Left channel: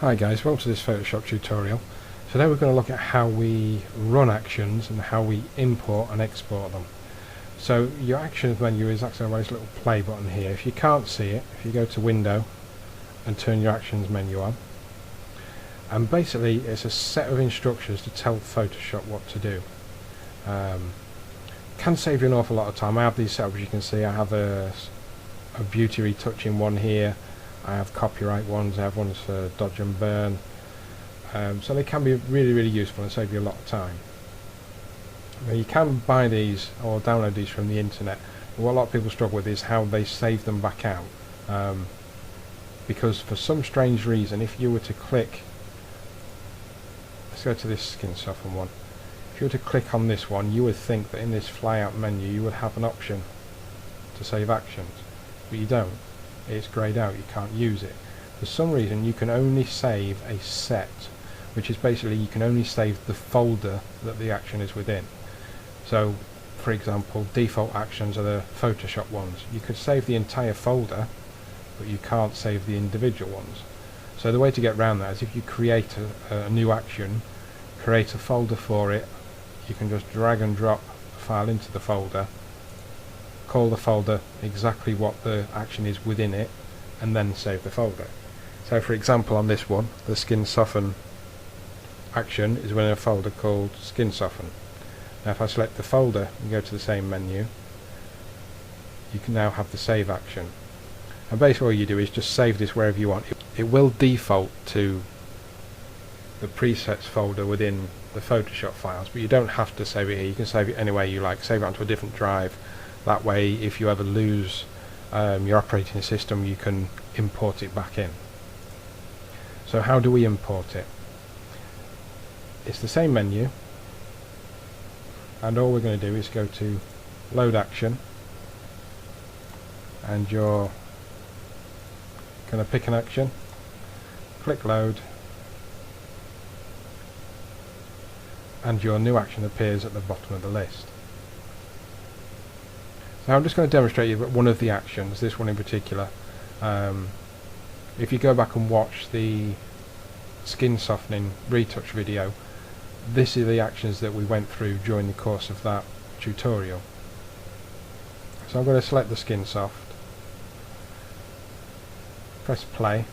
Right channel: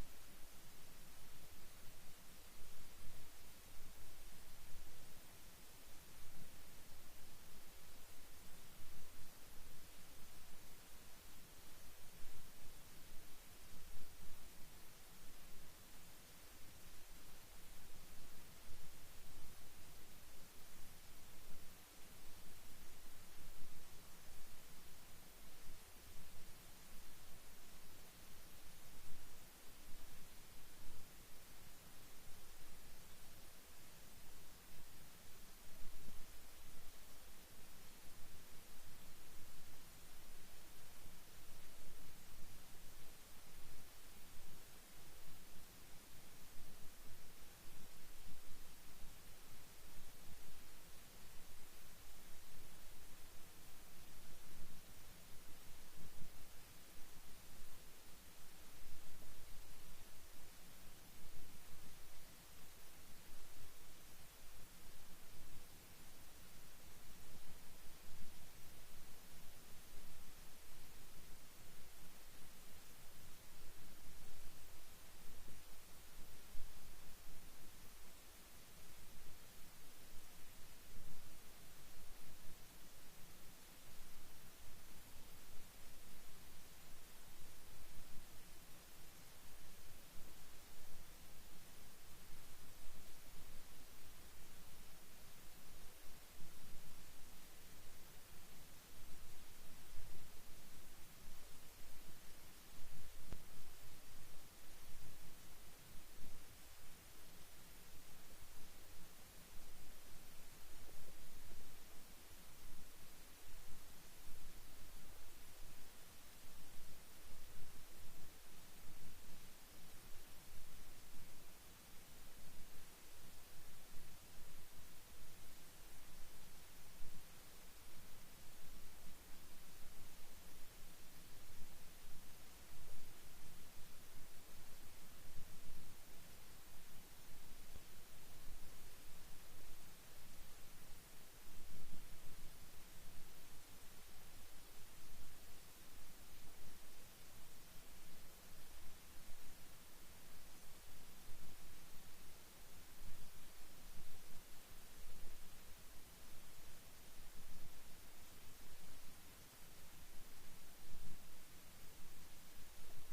Hi guys, welcome to this Photoshop tutorial. Today we're going to look at how we run actions and how we import and export them. So your actions menu is actually a nice little play button here. If you can't see it, if you go to Window and turn your actions menu on, and basically it's a set of instructions to tell Photoshop what to do. Can save you an awful lot of time. I have these set up, as you can see. I have a beauty retouching one here. I have copyright ones, I have ones for dodge and burn, so they can be really useful and save you a lot of time. Now you can buy these or download these from the internet, but what a lot of people struggle with is how they save them back out, because for some strange reason, if you were to click, let's go to this skin soften one, if you were to click on this one, you would think that in this flyout menu you would have an option to save actions, but you don't. It's greyed out, you can't use it. For some reason you can only save a set, which is basically you can only save the folder that the action is within. So for example, default actions are the Photoshop ones. You could save the entire folder, but you can't save the individual ones. So the way to get around that is if you create a new action, create a folder for it, you can just drag and drop the file into the folder, call the folder exactly what the action is within it, and then save the folder. So for example, on this one, the skin soften action is within a folder called skin soften. Now if I select the folder and go to the same menu, you can now have the save action, and basically all you do is just save this wherever you want. It will default to the presets folder within the Photoshop files, but you don't have to save it here. You can save it any way you like, save it onto a different drive. That way, if you ever lose your operating system, you can import it back in. So how do we import it? It's the same menu, and all we're going to do is go to Load Action, and you're going to pick an action, click Load, and your new action appears at the bottom of the list. Now I'm just going to demonstrate you one of the actions, this one in particular. If you go back and watch the skin softening retouch video, this is the actions that we went through during the course of that tutorial. So I'm going to select the skin soft, press play,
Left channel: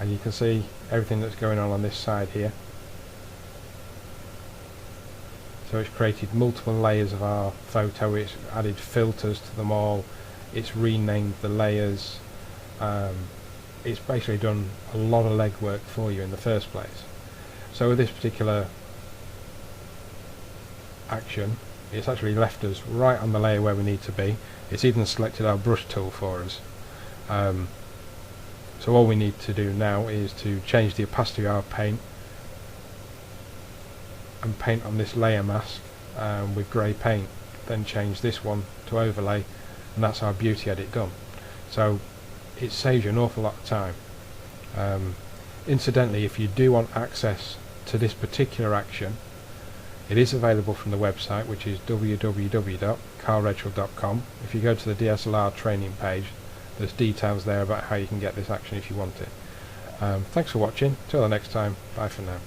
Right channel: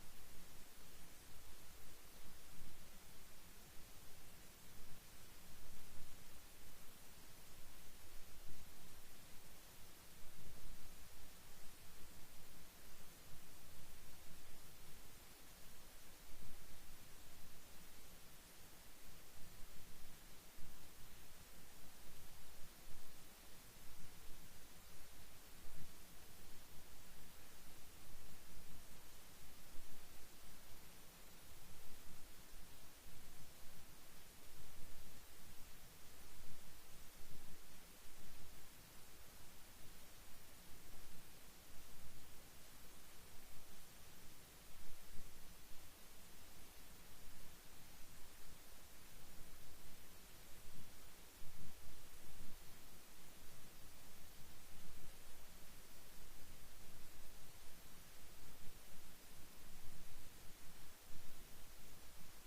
and you can see everything that's going on this side here. So it's created multiple layers of our photo, it's added filters to them all, it's renamed the layers, it's basically done a lot of legwork for you in the first place. So with this particular action, it's actually left us right on the layer where we need to be. It's even selected our brush tool for us. So all we need to do now is to change the opacity of our paint and paint on this layer mask with grey paint, then change this one to overlay, and that's our beauty edit done. So it saves you an awful lot of time. Incidentally, if you do want access to this particular action, it is available from the website, which is www.karlredshaw.com. If you go to the DSLR training page, there's details there about how you can get this action if you want it. Thanks for watching. Till the next time, bye for now.